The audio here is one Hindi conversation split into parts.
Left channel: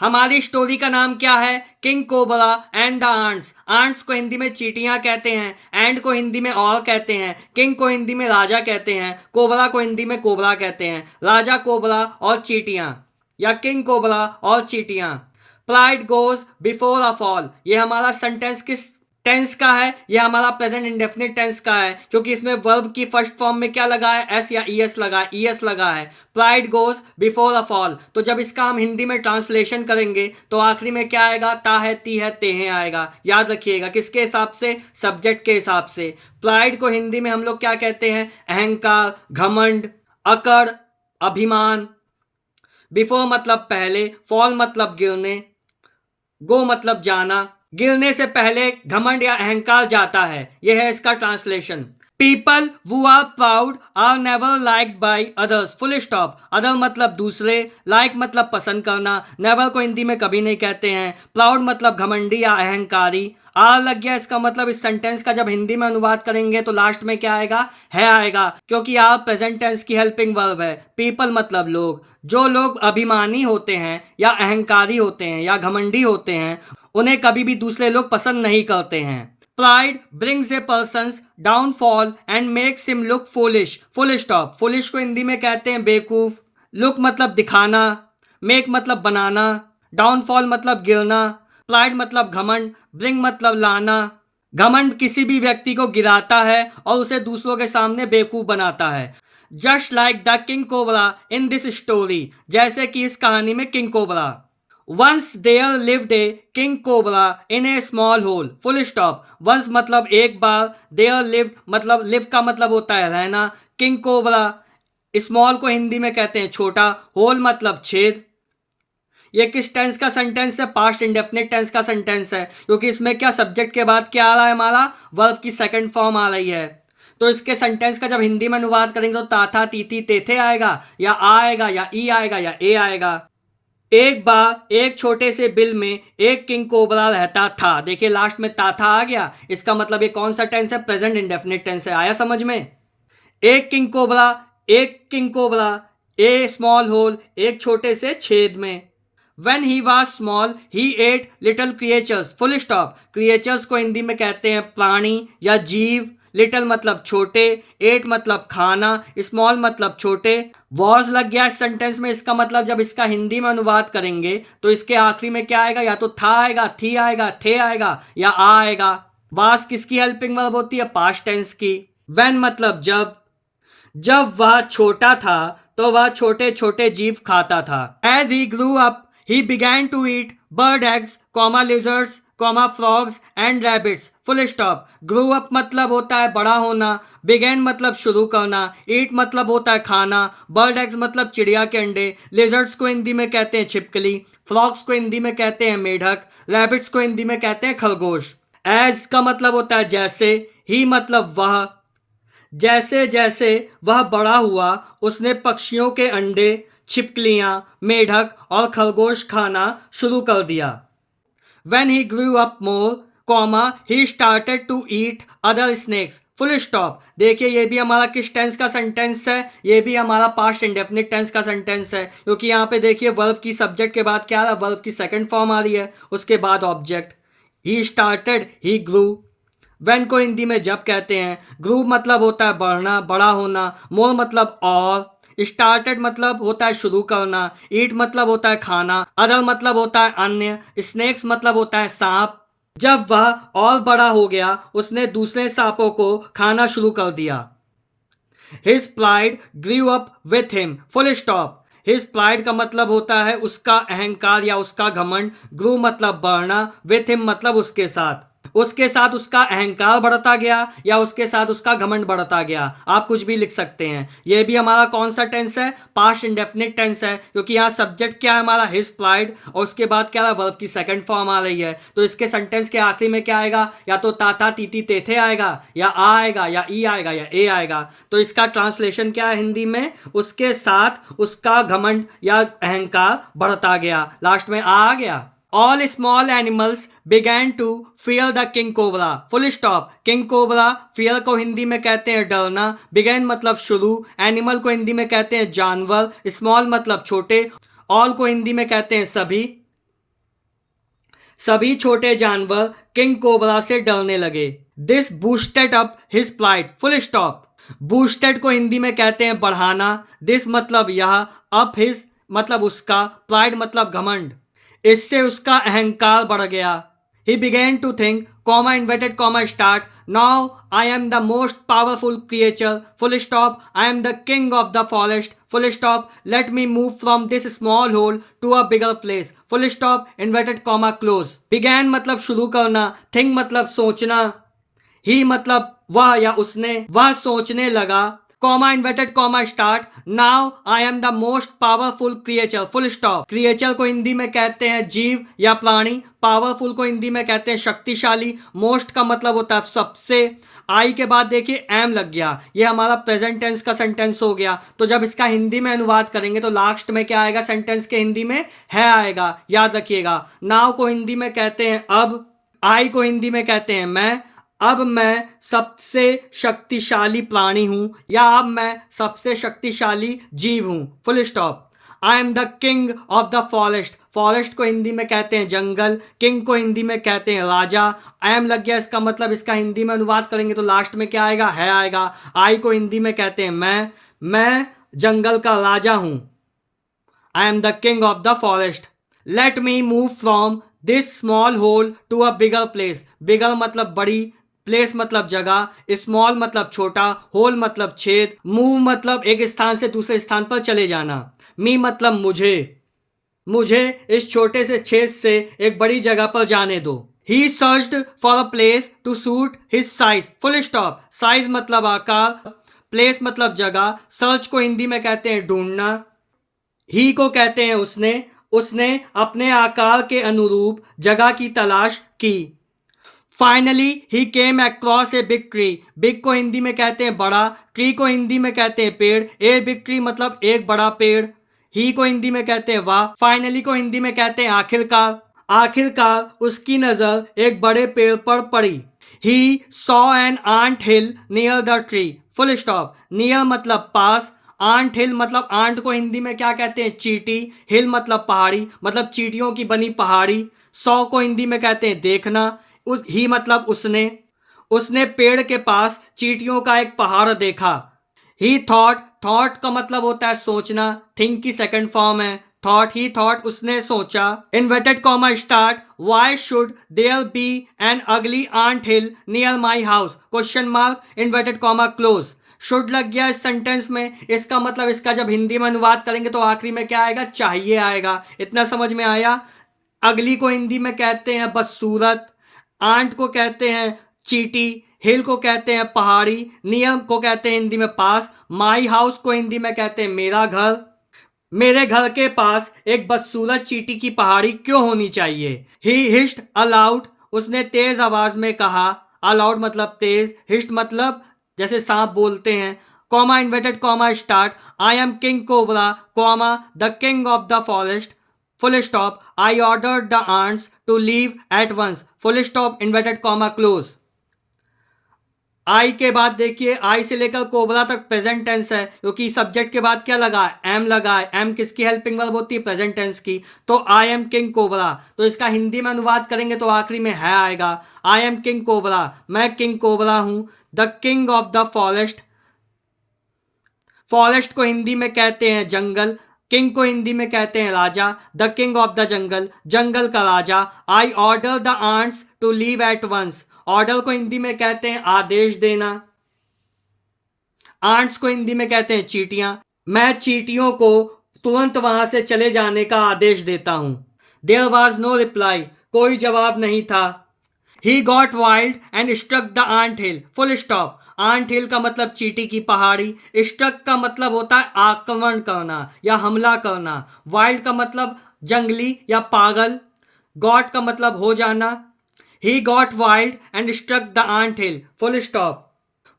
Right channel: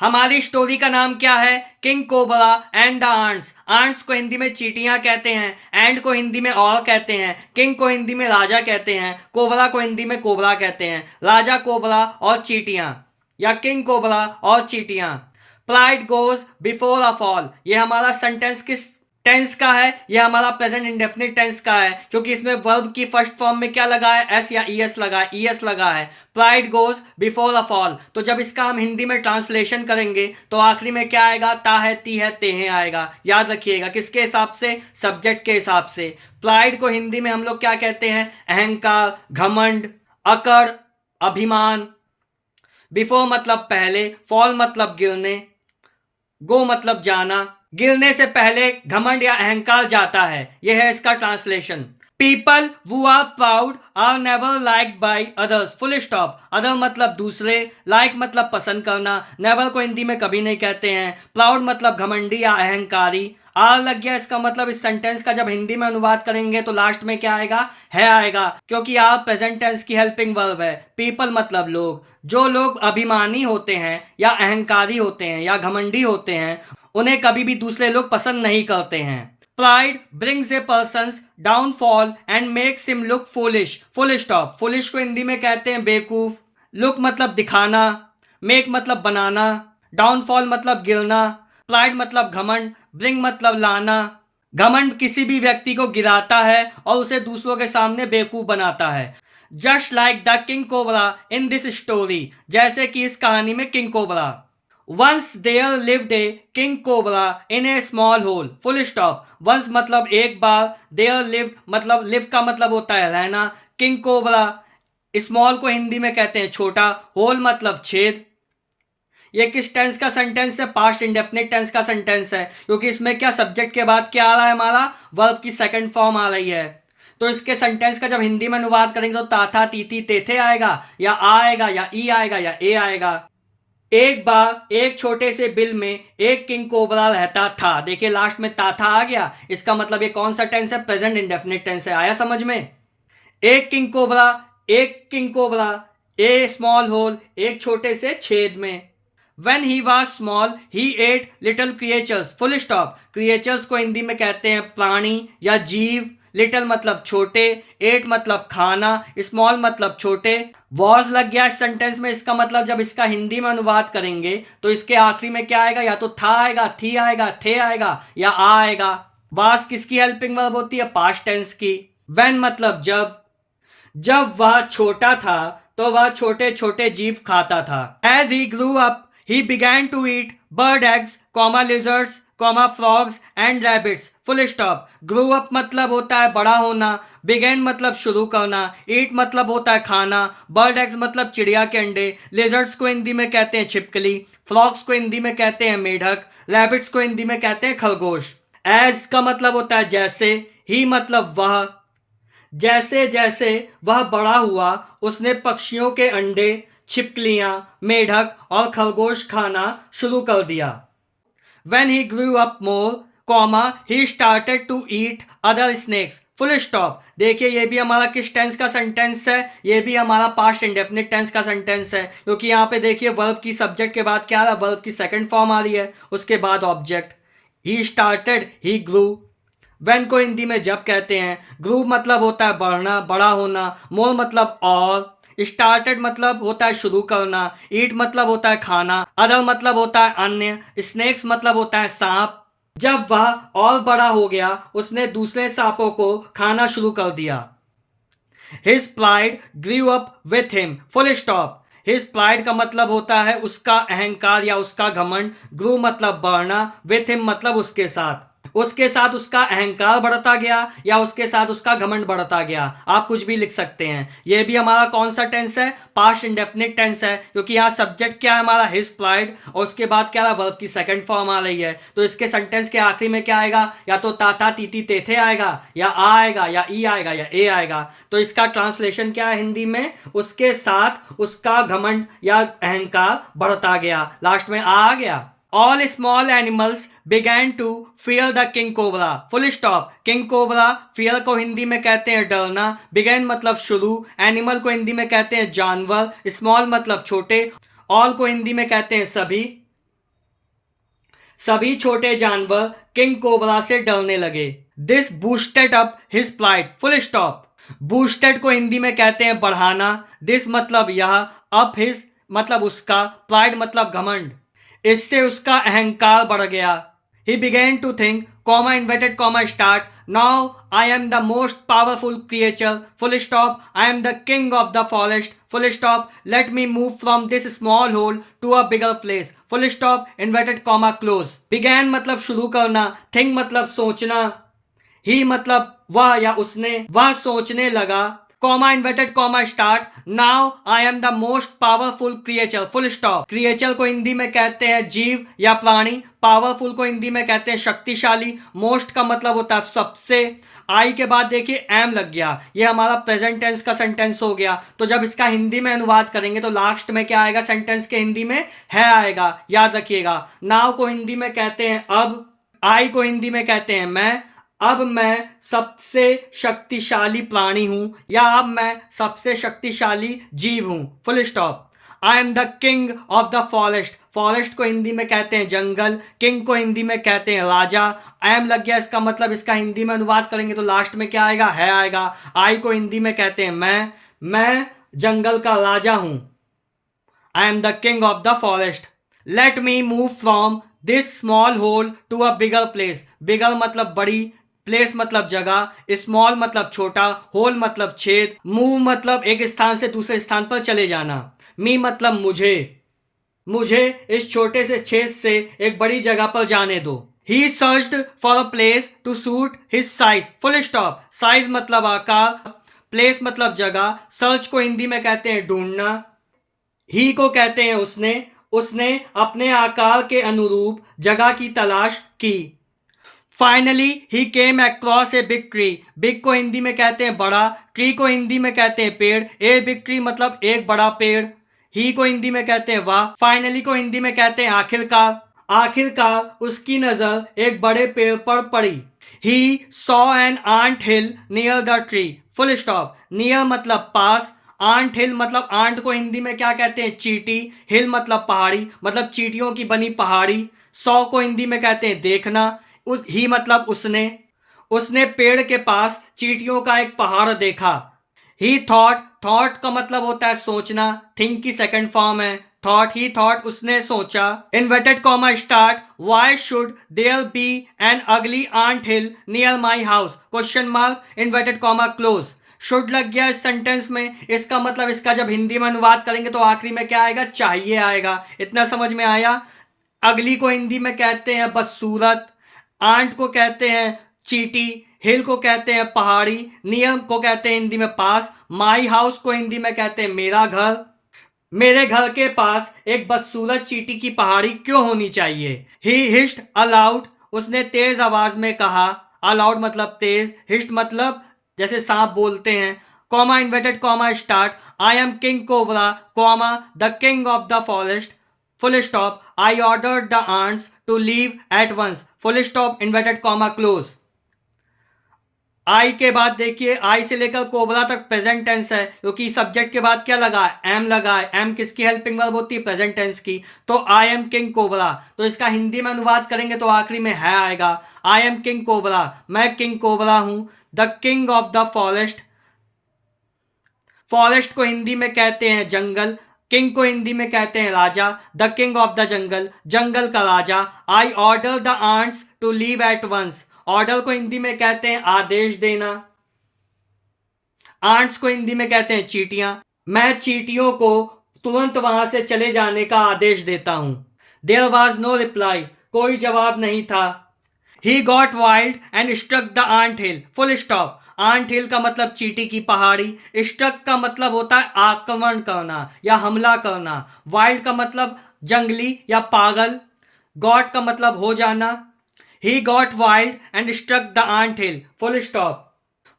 हमारी स्टोरी का नाम क्या है? King cobra and the ants. Ants को हिंदी में चींटियां कहते हैं, एंड को हिंदी में और कहते हैं, किंग को हिंदी में राजा कहते हैं, कोबरा को हिंदी में कोबरा कहते हैं। राजा कोबरा और चींटियां, या किंग कोबरा और चींटियां। Pride goes before a fall, ये हमारा सेंटेंस किस टेंस का है? ये हमारा प्रेजेंट इंडेफिनिट टेंस का है, क्योंकि इसमें वर्ब की फर्स्ट फॉर्म में क्या लगा है? एस या ईएस लगा है, ईएस लगा है। Pride goes before a fall, तो जब इसका हम हिंदी में ट्रांसलेशन करेंगे तो आखिरी में क्या आएगा? ता है, ती है, ते हैं आएगा। याद रखिएगा, किसके हिसाब से? सब्जेक्ट के हिसाब से। प्राइड को हिंदी में हम लोग क्या कहते हैं? अहंकार, घमंड, अकड़, अभिमान। बिफोर मतलब पहले, फॉल मतलब गिरने, गो मतलब जाना। गिरने से पहले घमंड या अहंकार जाता है, यह है इसका translation. People who are proud are never liked by others, full stop. Other मतलब दूसरे, लाइक मतलब पसंद करना, नेवर को हिंदी में कभी नहीं कहते हैं। प्राउड मतलब घमंडी या अहंकारी। आर लग गया, इसका मतलब इस सेंटेंस का जब हिंदी में अनुवाद करेंगे तो लास्ट में क्या आएगा? है आएगा, क्योंकि आर प्रेजेंट टेंस की हेल्पिंग वर्ब है। पीपल मतलब लोग। जो लोग अभिमानी होते हैं या अहंकारी होते हैं या घमंडी होते हैं, उन्हें कभी भी दूसरे लोग पसंद नहीं करते हैं। Pride brings A persons downfall and makes him look foolish, full stop. Foolish को हिंदी में कहते हैं बेवकूफ। लुक मतलब दिखाना, मेक मतलब बनाना, डाउनफॉल मतलब गिरना, प्राइड मतलब घमंड, ब्रिंग मतलब लाना। घमंड किसी भी व्यक्ति को गिराता है और उसे दूसरों के सामने बेवकूफ बनाता है। Just like the king cobra in this story, जैसे कि इस कहानी में king cobra. Once there lived a king cobra in a small hole, full stop. Once मतलब एक बार, देयर लिव्ड मतलब लिव का मतलब होता है रहना, किंग कोबरा। स्मॉल को हिंदी में कहते हैं छोटा, होल मतलब छेद। ये किस टेंस का सेंटेंस है? पास्ट इंडेफिनिट टेंस का सेंटेंस है, क्योंकि इसमें क्या सब्जेक्ट के बाद क्या आ रहा है? हमारा वर्ब की सेकंड फॉर्म आ रही है। तो इसके सेंटेंस का जब हिंदी में अनुवाद करेंगे तो ताथा, तीथी, तेथे आएगा, या आ आएगा, या ई आएगा, या ए आएगा। एक बार एक छोटे से बिल में एक किंग कोबरा रहता था। देखिए लास्ट में था आ गया, इसका मतलब ये कौन सा टेंस है? प्रेजेंट इंडेफिनिट टेंस है। आया समझ में? एक किंग कोबरा, एक किंग कोबरा, ए स्मॉल होल, एक छोटे से छेद में। When he was small, he ate little creatures, full stop। creatures को हिंदी में कहते हैं प्राणी या जीव। लिटिल मतलब छोटे, एट मतलब खाना, स्मॉल मतलब छोटे। वॉज लग गया इस सेंटेंस में, इसका मतलब जब इसका हिंदी में अनुवाद करेंगे तो इसके आखिरी में क्या आएगा? या तो था आएगा, थी आएगा, थे आएगा, या आ आएगा। वास किसकी हेल्पिंग वर्ब होती है? पास्ट टेंस की। When मतलब जब। जब वह छोटा था तो वह छोटे छोटे जीव खाता था। As he grew up he began to eat bird eggs, comma lizards, comma frogs and rabbits, full stop. Grew up मतलब होता है बड़ा होना, बिगैन मतलब शुरू करना, ईट मतलब होता है खाना, बर्ड एग्स मतलब चिड़िया के अंडे, लिजर्ड्स को हिंदी में कहते हैं छिपकली, फ्रॉग्स को हिंदी में कहते हैं मेढक, रैबिट्स को हिंदी में कहते हैं खरगोश। एज का मतलब होता है जैसे, ही मतलब वह। जैसे जैसे वह बड़ा हुआ उसने पक्षियों के अंडे, छिपकलियां, मेढक और खरगोश खाना शुरू कर दिया। When he grew up more, he started to eat other snakes, full stop. देखिए ये भी हमारा किस टेंस का सेंटेंस है? ये भी हमारा पास्ट इंडेफिनिट टेंस का सेंटेंस है, क्योंकि यहाँ पे देखिए वर्ब की सब्जेक्ट के बाद क्या आ रहा है? वर्ब की सेकंड फॉर्म आ रही है, उसके बाद object. He started, he grew. When को हिंदी में जब कहते हैं। ग्रू मतलब होता है बढ़ना, बड़ा होना। मोर मतलब और। स्टार्टेड मतलब होता है शुरू करना। ईट मतलब होता है खाना। अदर मतलब होता है अन्य। स्नेक्स मतलब होता है सांप। जब वह और बड़ा हो गया उसने दूसरे सांपों को खाना शुरू कर दिया। His pride grew up with him, full stop. His pride का मतलब होता है उसका अहंकार या उसका घमंड। ग्रू मतलब बढ़ना, विथ हिम मतलब उसके साथ। उसके साथ उसका अहंकार बढ़ता गया या उसके साथ उसका घमंड बढ़ता गया, आप कुछ भी लिख सकते हैं। यह भी हमारा कौन सा टेंस है? पास्ट इंडेफिनिट टेंस है, क्योंकि यहाँ सब्जेक्ट क्या है हमारा? हिज प्राइड, और उसके बाद क्या है? वर्ब की सेकंड फॉर्म आ रही है। तो इसके सेंटेंस के आखिरी में क्या आएगा? या तो ताता, तीती, तेथे आएगा, या आ आएगा, या ई आएगा, या ए आएगा। तो इसका ट्रांसलेशन क्या है हिंदी में? उसके साथ उसका घमंड या अहंकार बढ़ता गया, लास्ट में आ गया। All small animals began to fear the king cobra, full stop। king cobra fear को हिंदी में कहते हैं डरना, began मतलब शुरू, animal को हिंदी में कहते हैं जानवर, small मतलब छोटे, all को हिंदी में कहते हैं सभी। सभी छोटे जानवर किंग कोबरा से डरने लगे। This boosted up his pride, full stop. Boosted को हिंदी में कहते हैं बढ़ाना, दिस मतलब यह, अप हिज मतलब उसका, प्राइड मतलब घमंड, इससे उसका अहंकार बढ़ गया। He began to think, comma inverted comma start. Now I am the most powerful creature. Full stop. I am the king of the forest. Full stop. Let me move from this small hole to a bigger place. Full stop. Inverted comma close. Began मतलब शुरू करना, think मतलब सोचना, ही मतलब वह या उसने, वह सोचने लगा, comma inverted comma start, now I am the most powerful creature, full stop. Creature को हिंदी में कहते हैं जीव या प्राणी, पावरफुल को हिंदी में कहते हैं शक्तिशाली, मोस्ट का मतलब होता है सबसे। आई के बाद देखिए एम लग गया, ये हमारा प्रेजेंट टेंस का सेंटेंस हो गया। तो जब इसका हिंदी में अनुवाद करेंगे तो लास्ट में क्या आएगा सेंटेंस के हिंदी में, है आएगा, याद रखिएगा। नाउ को हिंदी में कहते हैं अब, आई को हिंदी में कहते हैं मैं, अब मैं सबसे शक्तिशाली प्राणी हूं या अब मैं सबसे शक्तिशाली जीव हूं, full stop. I am the king of the forest, forest को हिंदी में कहते हैं जंगल, किंग को हिंदी में कहते हैं राजा। आई एम लग गया, इसका मतलब इसका हिंदी में अनुवाद करेंगे तो लास्ट में क्या आएगा, है आएगा। आई को हिंदी में कहते हैं मैं जंगल का राजा हूं। I am the king of the forest. Let me move from this small hole to a bigger place, bigger मतलब बड़ी, प्लेस मतलब जगह, स्मॉल मतलब छोटा, होल मतलब छेद, मूव मतलब एक स्थान से दूसरे स्थान पर चले जाना, मी मतलब मुझे इस छोटे से छेद से एक बड़ी जगह पर जाने दो। He searched for a place to suit his size, full stop. Size मतलब आकार, प्लेस मतलब जगह, सर्च को हिंदी में कहते हैं ढूंढना, ही को कहते हैं उसने अपने आकार के अनुरूप जगह की तलाश की। Finally he came across a big tree, big को हिंदी में कहते हैं बड़ा, ट्री को हिंदी में कहते हैं पेड़, ए बिग ट्री मतलब एक बड़ा पेड़, ही को हिंदी में कहते हैं वाह, फाइनली को हिंदी में कहते हैं आखिरकार, आखिरकार उसकी नजर एक बड़े पेड़ पर पड़ी। He saw an ant hill near the tree, full stop. Near मतलब पास, आंट हिल मतलब आंट को हिंदी में क्या कहते हैं चींटी, हिल मतलब पहाड़ी, मतलब चींटियों की बनी पहाड़ी। सौ को हिंदी में कहते हैं देखना, उस ही मतलब उसने पेड़ के पास चींटियों का एक पहाड़ देखा। ही थॉट, थॉट का मतलब होता है सोचना, थिंक की सेकंड फॉर्म है थॉट, ही थॉट उसने सोचा। Inverted comma start, why should there be an ugly ant hill near my house, question mark, inverted comma close. Should लग गया इस सेंटेंस में, इसका मतलब इसका जब हिंदी में अनुवाद करेंगे तो आखिरी में क्या आएगा, चाहिए आएगा। इतना समझ में आया। अगली को हिंदी में कहते हैं बदसूरत, आंट को कहते हैं चींटी, हिल को कहते हैं पहाड़ी, नियर को कहते हैं हिंदी में पास, माई हाउस को हिंदी में कहते हैं मेरा घर, मेरे घर के पास एक बदसूरत चींटी की पहाड़ी क्यों होनी चाहिए। ही हिस्ड अलाउड, उसने तेज आवाज में कहा, अलाउड मतलब तेज, हिस्ट मतलब जैसे सांप बोलते हैं। Comma inverted comma start, I am king cobra comma the king of the forest, full stop. I ordered the ants to leave at once, full stop, inverted comma close. I के बाद देखिए, आई से लेकर कोबरा तक प्रेजेंट टेंस है, क्योंकि सब्जेक्ट के बाद क्या लगा है, एम लगा है। एम किसकी हेल्पिंग वर्ब होती है, प्रेजेंट टेंस की। तो आई एम किंग कोबरा, तो इसका हिंदी में अनुवाद करेंगे तो आखिरी में है आएगा। आई एम किंग कोबरा, मैं किंग कोबरा हूं। The king of the forest, forest को हिंदी में कहते हैं जंगल, किंग को हिंदी में कहते हैं राजा। The king of the jungle, जंगल का राजा। I order the ants to leave at once, order को हिंदी में कहते हैं आदेश देना, आंट्स को हिंदी में कहते हैं चींटियां, मैं चींटियों को तुरंत वहां से चले जाने का आदेश देता हूं। देयर वॉज नो रिप्लाई, कोई जवाब नहीं था। He got wild and struck the ant hill, full stop. Ant hill का मतलब चींटी की पहाड़ी, स्ट्रक का मतलब होता है आक्रमण करना या हमला करना, वाइल्ड का मतलब जंगली या पागल, गॉट का मतलब हो जाना। He got wild and struck the ant hill, full stop.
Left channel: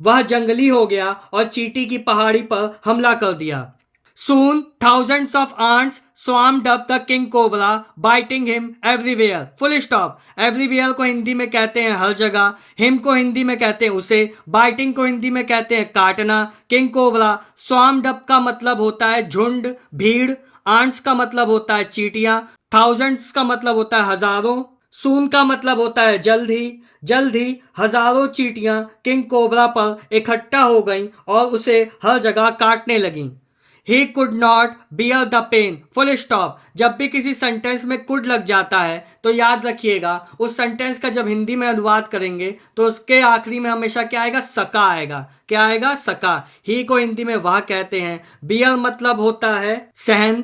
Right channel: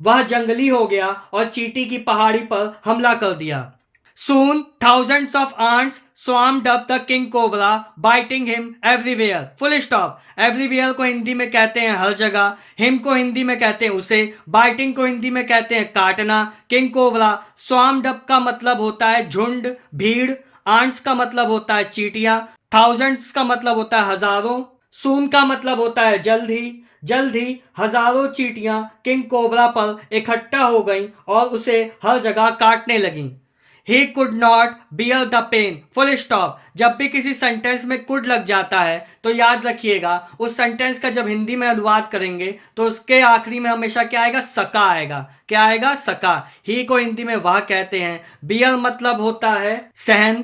वह जंगली हो गया और चींटी की पहाड़ी पर हमला कर दिया। Soon thousands of ants swarmed up the king cobra, biting him everywhere. Full stop. Everywhere को हिंदी में कहते हैं हर जगह, him को हिंदी में कहते हैं उसे, biting को हिंदी में कहते हैं काटना। king cobra, swarmed up का मतलब होता है झुंड, भीड़, ants का मतलब होता है चींटियां, thousands का मतलब होता है हजारों, सून का मतलब होता है जल्द ही हजारों चींटियां किंग कोबरा पर इकट्ठा हो गईं और उसे हर जगह काटने लगीं। He could not bear the pain, full stop. जब भी किसी सेंटेंस में कुड लग जाता है तो याद रखिएगा उस सेंटेंस का जब हिंदी में अनुवाद करेंगे तो उसके आखिरी में हमेशा क्या आएगा, सका आएगा। क्या आएगा, सका। ही को हिंदी में वह कहते हैं। बियर मतलब होता है सहन,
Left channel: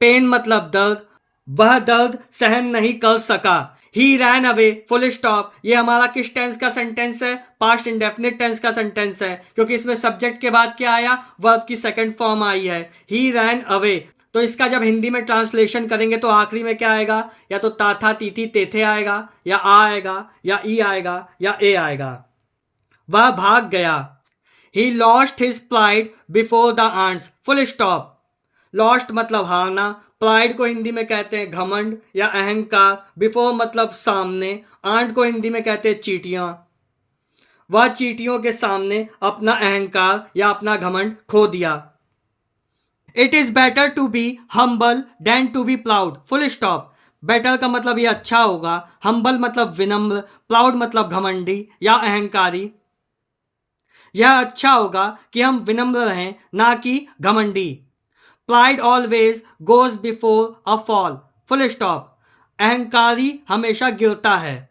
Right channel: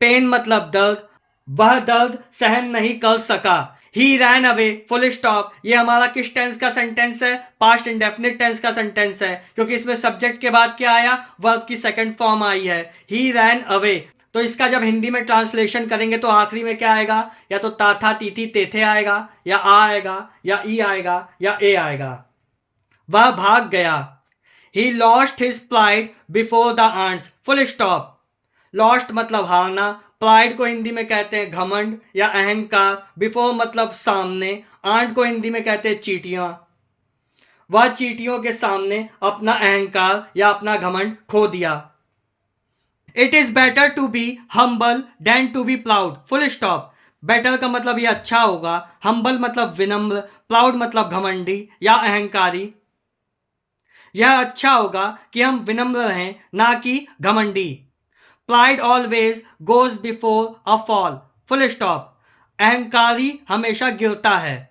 पेन मतलब दर्द, वह दर्द सहन नहीं कर सका। ही रैन अवे, फुल स्टॉप। ये हमारा किस टेंस का सेंटेंस है, पास्ट इंडेफिनिट टेंस का सेंटेंस है, क्योंकि इसमें सब्जेक्ट के बाद क्या आया, वर्ब की सेकंड फॉर्म आई है। ही रैन अवे। तो इसका जब हिंदी में ट्रांसलेशन करेंगे तो आखिरी में क्या आएगा, या तो ताथा तीथी तेथे आएगा, या आ आएगा, या ई आएगा, या ए आएगा। वह भाग गया। He lost his pride before the ants, full stop. Lost मतलब हारना, प्राइड को हिंदी में कहते हैं घमंड या अहंकार, बिफोर मतलब सामने, आंट को हिंदी में कहते हैं चींटियां। वह चींटियों के सामने अपना अहंकार या अपना घमंड खो दिया। It is better to be humble than to be proud, full stop. Better का मतलब ये अच्छा होगा, हम्बल मतलब विनम्र, प्राउड मतलब घमंडी या अहंकारी। यह अच्छा होगा कि हम विनम्र रहें, ना कि घमंडी। Pride always goes before a fall, full stop. अहंकारी हमेशा गिरता है।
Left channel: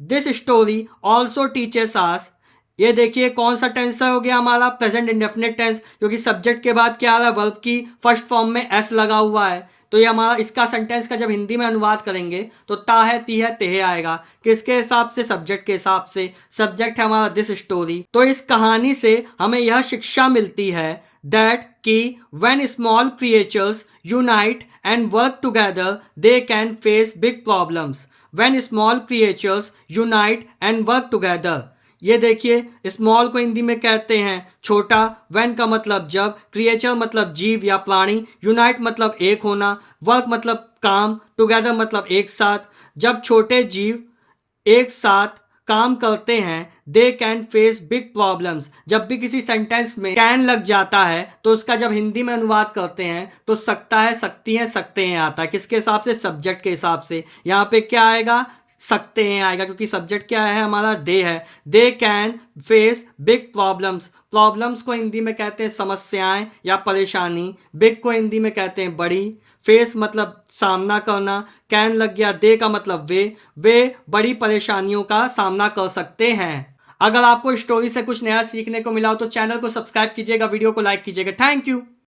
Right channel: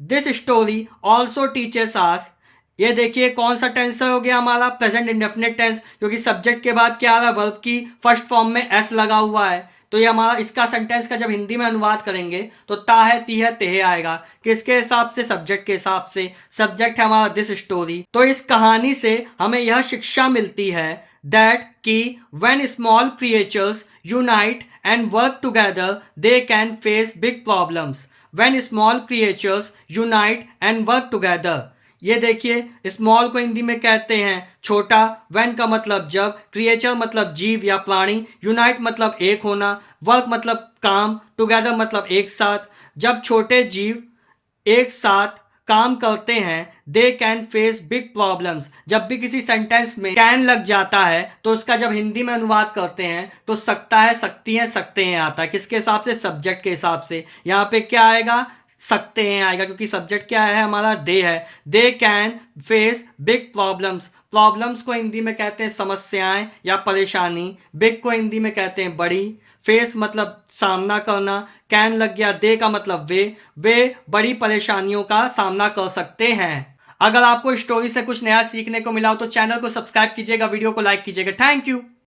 दिस स्टोरी ऑल्सो टीचेस आस। ये देखिए कौन सा टेंस हो गया हमारा, प्रेजेंट इंडेफिनिट टेंस, क्योंकि सब्जेक्ट के बाद क्या आ रहा है, वर्ब की फर्स्ट फॉर्म में एस लगा हुआ है। तो ये हमारा इसका सेंटेंस का जब हिंदी में अनुवाद करेंगे तो ता है ती है तेहे आएगा। किसके हिसाब से, सब्जेक्ट के हिसाब से। सब्जेक्ट है हमारा दिस स्टोरी। तो इस कहानी से हमें यह शिक्षा मिलती है दैट कि when small creatures unite and work together they can face big problems. When small creatures unite and work together. ये देखिए स्मॉल को हिंदी में कहते हैं छोटा, व्हेन का मतलब जब, क्रिएचर मतलब जीव या प्राणी, यूनाइट मतलब एक होना, वर्क मतलब काम, टुगेदर मतलब एक साथ। जब छोटे जीव एक साथ काम करते हैं they can face big problems. जब भी किसी सेंटेंस में कैन लग जाता है तो उसका जब हिंदी में अनुवाद करते हैं तो सकता है, सकती हैं, सकते हैं आता है। किसके हिसाब से, सब्जेक्ट के हिसाब से। यहाँ पे क्या आएगा, सकते हैं आएगा, क्योंकि सब्जेक्ट क्या है हमारा, दे है। They can face big problems. Problems को हिंदी में कहते हैं समस्याएं या परेशानी। बिग को हिंदी में कहते हैं बड़ी। फेस मतलब सामना करना, कैन लग गया, दे का मतलब वे बड़ी परेशानियों का सामना कर सकते हैं। अगर आपको स्टोरी से कुछ नया सीखने को मिला हो तो चैनल को सब्सक्राइब कीजिएगा, वीडियो को लाइक कीजिएगा। Thank you.